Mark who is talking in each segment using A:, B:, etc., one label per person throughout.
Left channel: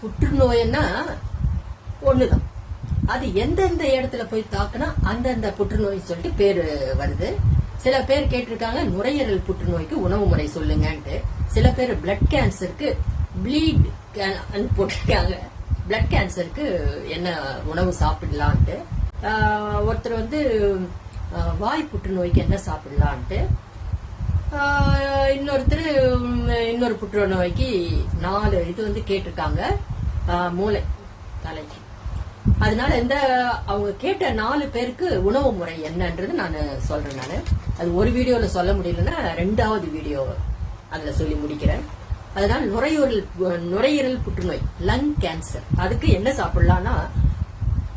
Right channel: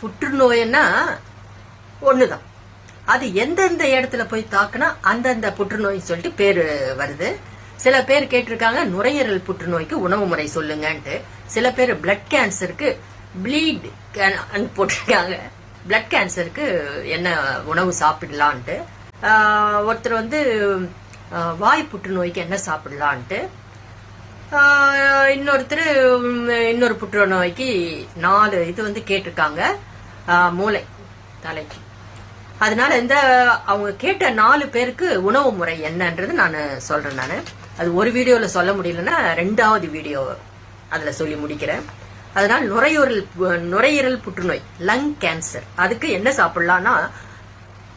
A: புற்றுநோய்னா ஒண்ணுதான். அது எந்தெந்த இடத்துல போய் தாக்குனா அந்தந்த புற்றுநோய் சொல்லிட்டு பேரு வருது. சில பேர் கேட்டிருக்காங்க நுரையீரல் புற்றுநோய்க்கு உணவு முறை சொல்லுங்கன்ட்டு. சில பேர் பிளட் கேன்சருக்கு ப்ளீட் போட்டிருக்காங்க. பிளட் கேன்சருக்கு என்ன உணவு சாப்பிடலான்ட்டு. ஒருத்தர் வந்து வாய் புற்றுநோய்க்கு என்ன சாப்பிடலான்ட்டு. இன்னொருத்தர் இன்னொரு இன்னொரு புற்றுநோய்க்கு நாலு இது வந்து கேட்டிருக்காங்க. மூளை தலைக்கு. அதனால இந்த அவங்க கேட்ட நாலு பேருக்கு உணவு முறை என்னன்றது நான் சொல்றேன் நான். அது ஒரு வீடியோல சொல்ல முடியலன்னா ரெண்டாவது வீடியோ அதுல சொல்லி முடிக்கிறேன். அதனால நுரையீரல் நுரையீரல் புற்றுநோய் லங் கேன்சர் அதுக்கு என்ன சாப்பிடலாம்னா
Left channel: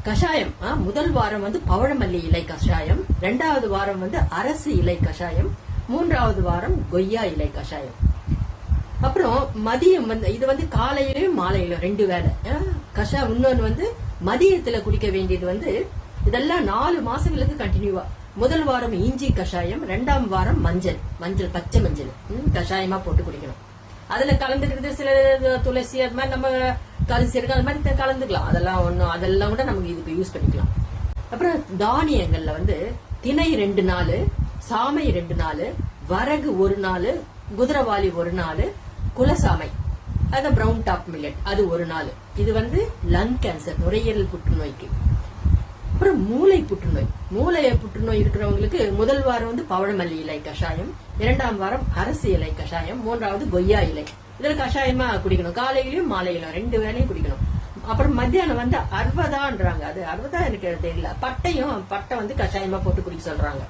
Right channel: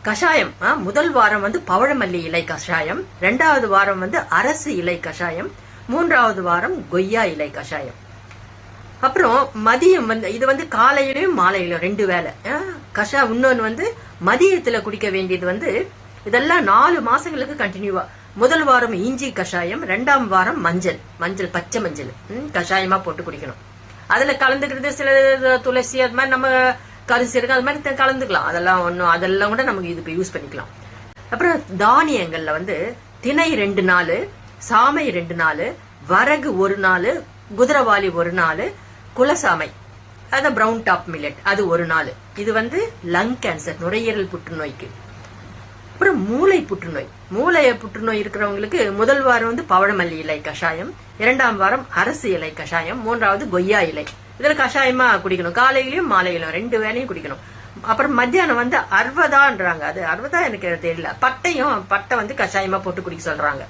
A: கஷாயம். முதல் வாரம் வந்து பவழமல்லி இலை கஷாயம். ரெண்டாவது வாரம் வந்து அரசு இலை கஷாயம். மூன்றாவது வாரம் கொய்யா இலை கஷாயம். அப்புறம் மதியம் வந்து இது வந்து காலையிலயும் மாலையிலும் ரெண்டு வேளை. கஷா இன்னொன்னு வந்து மதியத்துல குடிக்க வேண்டியது வந்து இதெல்லாம் நாலு மாசங்களுக்கு கண்டினியூவா முதல் வாரம் இஞ்சி கஷாயம் ரெண்டாம் வாரம் மஞ்சள். மஞ்சள் பச்சை மஞ்சள். ம், கஷாயமா போட்டு குடிக்கணும். அதுல கலந்துக்கிறது சில துளசி அது மாதிரி நம்ம கரிசி இருக்கு அது மாதிரி கலந்துக்கலாம். அதெல்லாம் ஒன்றும் அதெல்லாம் கூட நமக்கு இதுக்கு யூஸ் பண்ணிக்கலாம். அப்புறம் தானியங்கள்ல வந்து திணை ரெண்டு நாள் சாமை ரெண்டு நாள் வரகு ஒரு நாள் குதிரவாளி ஒரு நாள் குலசாமை. அது பிரவுன் டாப் மில்லட் அது ஒரு நாள். இது வந்து லங் கேன்சர் நுரையீரல் புற்றுநோய்க்கு. அப்புறம் மூளை புற்றுநோய். மூளை புற்றுநோய் இருக்கிறவங்களுக்கு முதல் வாரம் வந்து பவழமல்லி இலை கஷாயம் இரண்டாம் வாரம் அரசு இலை கஷாயம் மூன்றாவது கொய்யா இலை. இதுல கஷாயமா குடிக்கணும். காலையிலயும் மாலையிலும் ரெண்டு வேலையும் குடிக்கணும். அப்புறம் மத்தியானம் வந்து அறுபதான்றாங்க அது அறுபதா எனக்கு தெரியல. பட்டையும் பட்டை வந்து கஷாயமா போட்டு குடிக்க சொல்றாங்க.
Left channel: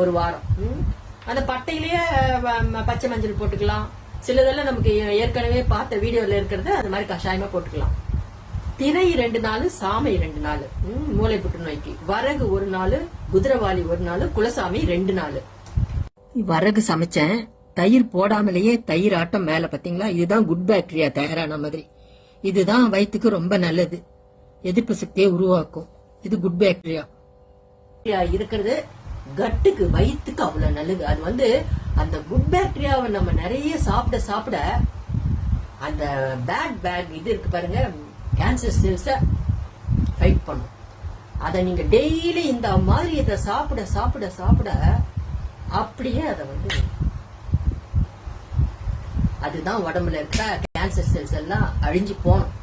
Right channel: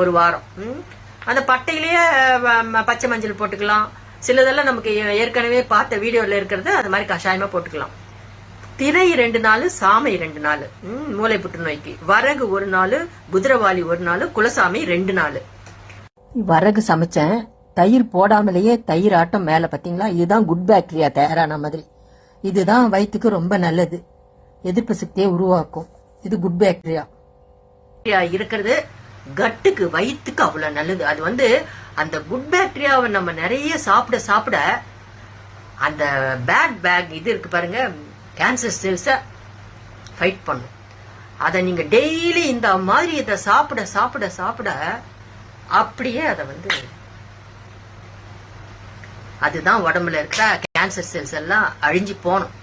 A: ஒரு வாரம். ம். அந்த பட்டையிலேயே வ- ம- பச்சை மஞ்சள் போட்டுக்கலாம். சிலதெல்லாம் நமக்கு ஏற்கனவே பார்த்த வீடியோல இருக்கிறது அது மாதிரி கஷாயமா போட்டுக்கலாம். திரை ரெண்டு நாள் சாமை ரெண்டு நாள். ம், மூளை புற்றுநோய்க்கு. வரகு ஒரு நாள் குதிரவாளி ஒரு நாள் குலசாமி ரெண்டு நாள். வரகு சமைச்சேன். தயிர் போடாமலேயே தயிர் ஆட்டம் மேல பாத்தீங்களா? இதுதான் குட் பாக்டீரியா தயாரான மாதிரி. இதுதான் வயிற்றுக்கு ரொம்ப நல்லது. எதிர்ப்பு சக்தியை உருவாக்கும். இது குட் பாக்டீரியா இருக்கிறது. கட்டுக்கு வயிற்றுக்கு அவ்வளோ நல்லது. அது வந்து அந்த குட் பாக்டீரியாவை நம்ம நிறைய சாப்பிட சாப்பிட அந்த பேட் பேக் இது இருக்கு பாருங்க கேன்சர் செல்ஸை ஃபைட் பண்ணும். அதை நீங்கள் டெய்லி இந்த மாதிரி இதை சாப்பிட சாப்பிட சாப்பிட அப்படியே அதை வந்து அதுதான் உடம்புல இருக்கிற கேன்சர் செல்ஸ் எல்லாம் அழிஞ்சு போகணும்